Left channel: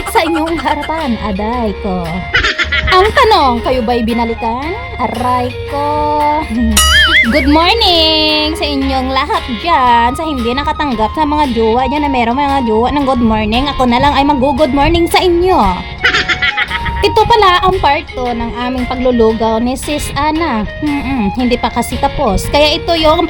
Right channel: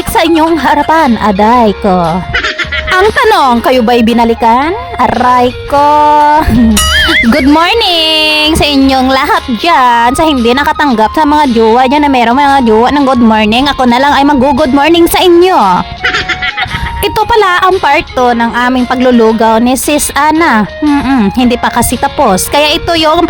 Ngunit sa inyong harapan, aday ko. Ang tanong, kayo ba'y binalikan? Aray ko. Good morning sa inyong lahat dyan. Sa hindi nakatanggap sa mga jowa dyan na merong mga jowa ng good morning, ako na lang ay mag-good morning sa inyo. Ito pala ang part 2 ng aming paglulugaw ni Sis Ana. Hindi pa kasi tapos. Kaya ito yung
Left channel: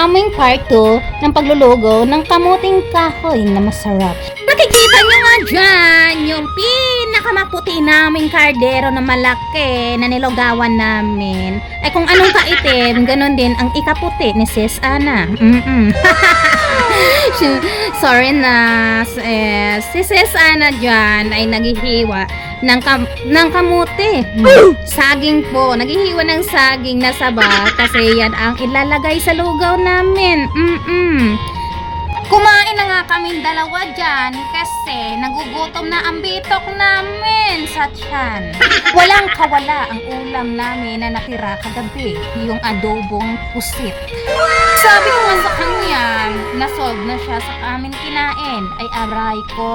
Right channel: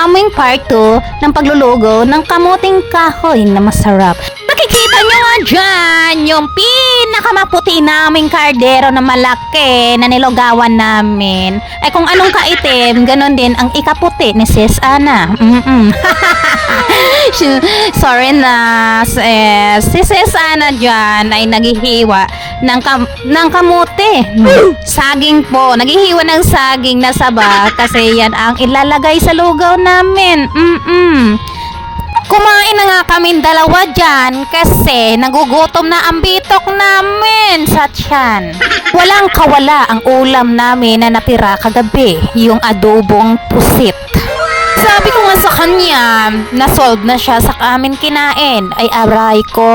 aming part 2 ng paglulugaw ng kamuting kahoy na masarap. Nakikita nyo nga dyan yung pinakamaputi naming kardero na malaki na nilugawan namin. Ay kung anong kaitim, ganun din ang ikaputi ni Sis Ana. Sorry na, si Sis Ana dyan ay naghihiwa ng kamote. Saging po, naghihiwa ng saging na saba kasi yan ang ilalagay sa lugaw namin. Kumain na nga kaming dalawa dyan kasi nagugutom na ang bitok namin sa tiyan. Walang kawala ang ulam namin na natira kagabi, yung adobong pusit. Sabi ko nga sa kanya, na-solve na siya sa amin kinain. Ay aray ko,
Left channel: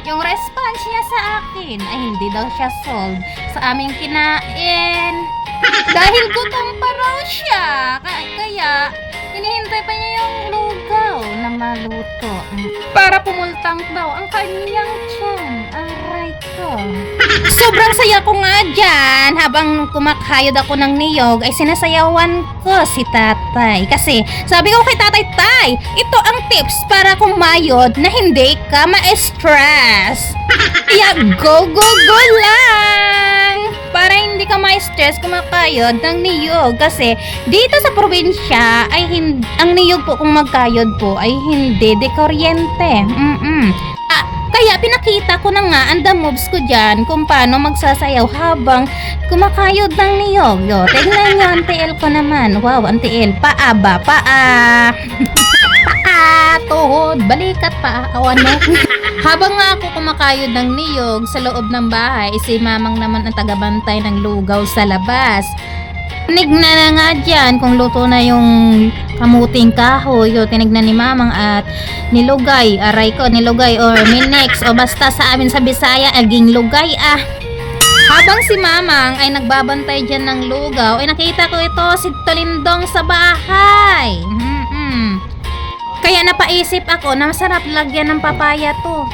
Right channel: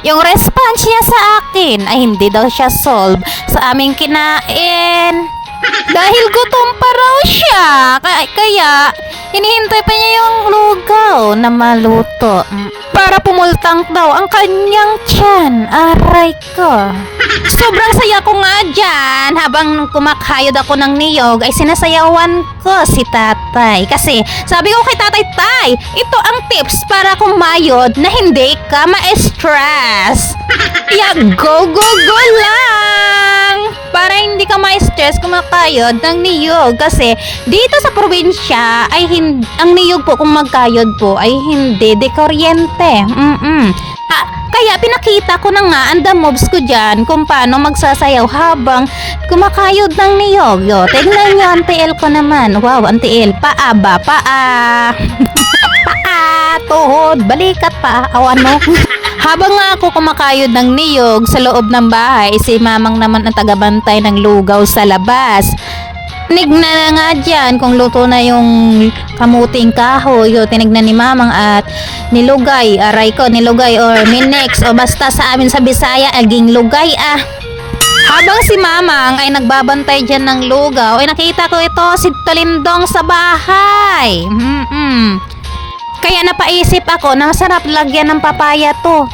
yung response niya sa akin ay hindi daw siya solve sa aming kinain. Dahil gutom pa raw siya, kaya hinihintay pa niya yung lugaw na maluto para pumultang daw ang kanyang tiyan. Aray ko. Sobrang saya ko nga dyan. Habang kumakayod ako ng niyog ay sinasayawan ko si tatay. Kasi sabi ko kay tatay, tay, ito ang tips para kumayod na hindi ka ma-stress. Kaya go lang! Para hindi ka ma-stress kumakayod ng niyog. Kasi dito sa probinsya ay ang niyog po kung magkayod po ay hindi de kuryente. Kaya pinakita ko na nga ang the moves ko dyan kung paano magsasayaw habang kumakayod ng niyog. Tignan nyo ang TL ko naman. Wow, ang TL. Paa ba? Paa. Tuhod, balikat pa. Awan mo. Habang nga ako kumakayod ng niyog sa loob ng bahay, si mamang naman ang tagabantay ng lugaw sa labas. Tinignan na nga dyan kung luto na yung kamuting kahoy. Tinignan ni mamang at nilugay. Aray ko, nilugay or minix o basta sa amin sa Bisaya, aging lugay Habang si mamang ay nagbabantay dyan ng lugaw, ay nakita ko ito si Talindong sa bahay. Kaya napaisip ako na masarap lagyan ng papaya to.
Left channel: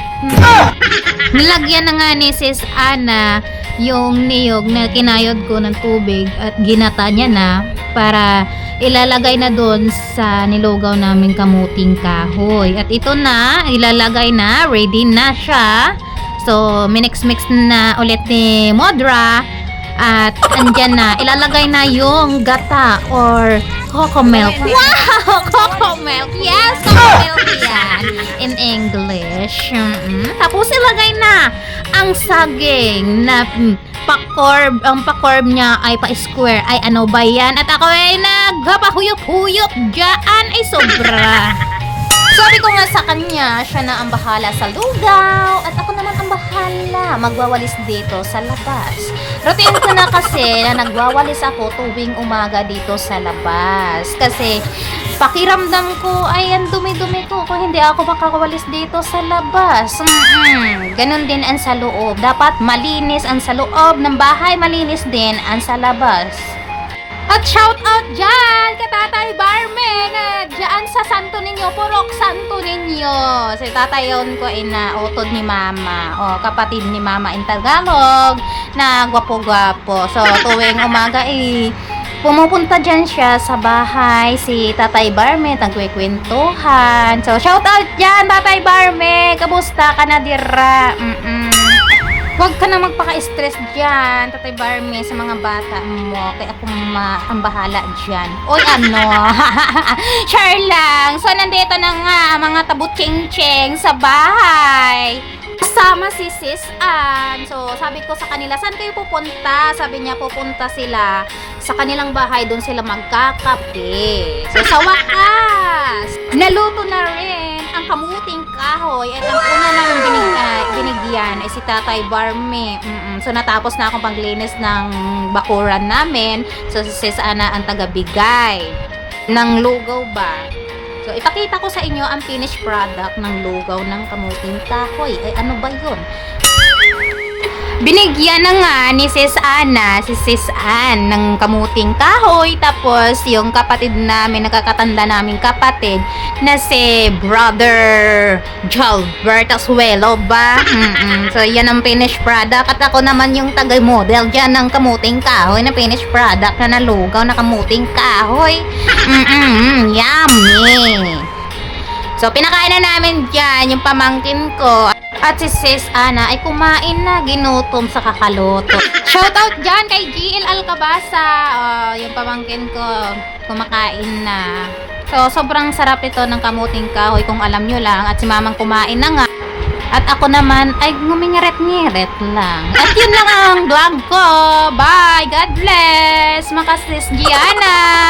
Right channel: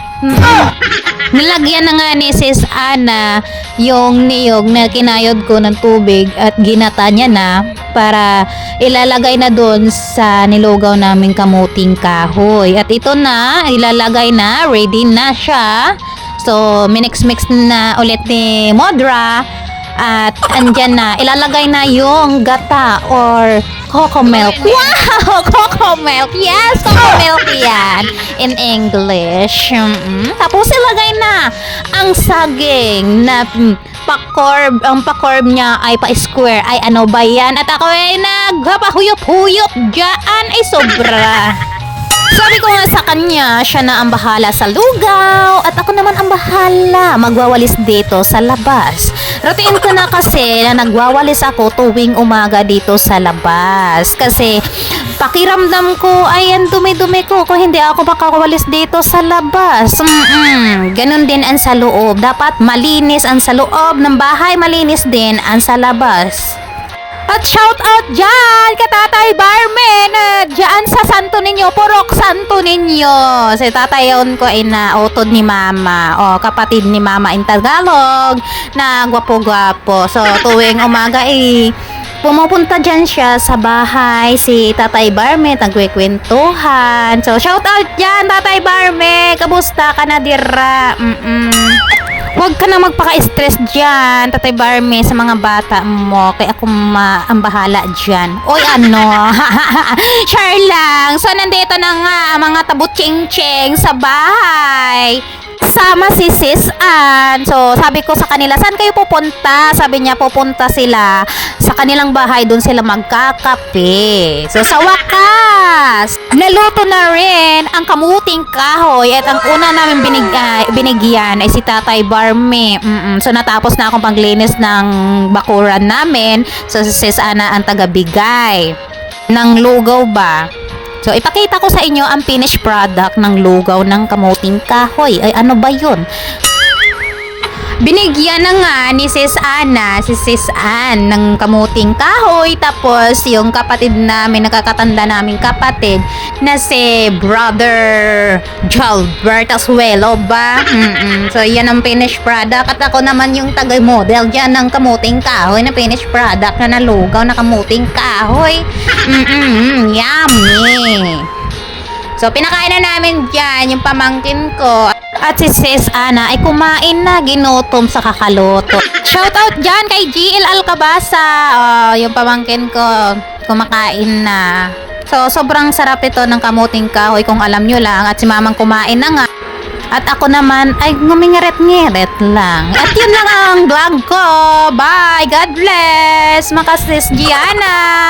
Nilagyan na nga ni Sis Ana yung niyog na kinayod ko ng tubig at ginata niya na para ilalagay na doon sa nilugaw naming kamuting kahoy. At ito na, ilalagay na, ready na siya. So, minix-mix na ulit ni Modra. At andyan na, ilalagay na yung gata or coco milk. Wow! Coco milk! Yes! Coco milk yan in English. Tapos ilagay na ang saging na pakorb. Ang pakorb niya ay pa-square. Ay ano ba yan? At ako ay nagpapahuyot-huyot dyan. Ay sobra. Sabi ko nga sa kanya, siya na ang bahala sa lugaw at ako naman ang bahala magwawalis dito sa labas. Routine ko na kasi na nagwawalis ako tuwing umaga dito sa labas. Kasi pakiramdam ko ay ang dumi-dumi ko kung hindi ako makawalis dito sa labas. Ganun din ang sa loob. Dapat malinis ang sa loob ng bahay, malinis din ang sa labas. At shout out dyan kay Tatay Barmen dyan sa santo ninyo, purok santo ninyo. Si tatay yun ko ay nautod ni mama. Kapatid ni mama in Tagalog na gwapo-gwapo. So tuwing umaga pumupunta dyan siya sa bahay si Tatay Barme, nagkwekwentuhan. So shout out dyan Tatay Barme, kamusta ka na dira? Huwag ka na magpaka-stress dyan, Tatay Barme, sa mga bata mo. Kaya ako ang bahala dyan. Oy, ano? Char lang. So, nandito na nga mga tabu-ching-ching sa bahay. Kasama si Sis Ann. So, sabi ko sa kanila, saan kayo pupunta? Sabi niya, pupunta sila sa kanilang bahay. Doon sila magkakape. So, sa wakas, naluto na rin ang kamuting kahoy. At ang una namin binigyan ay si Tatay Barme. So, natapos na akong paglinis ng bakuran namin. So, si Sis Ana ang tagabigay ng lugaw ba? So, ipakita ko sa inyo ang finished product ng lugaw ng kamuting kahoy. Ay, ano ba yun? Binigyan na nga ni Sis Ann ng kamuting kahoy. Tapos, yung kapatid namin, nakakatanda naming kapatid, na si Brother Jalbert Asuelo ba? So, yan ang finished product. At ako naman yung taga-model dyan ng kamuting kahoy na finished product na nalugaw na kamuting kahoy. Yummy! So, pinakain na namin dyan yung pamangkin ko. At si Sis Ana ay kumain na, ginutom sa kakaloto. Shoutout dyan kay GL Alcabasa. Yung pamangkin ko, kumakain na. So, sobrang sarap ito ng kamuting kahoy kung alam nyo lang. At si mamang kumain na nga. At ako naman ay ngumingaret-ngiret lang. At yun lang ang vlog ko. Bye! God bless! Makasis Gianna!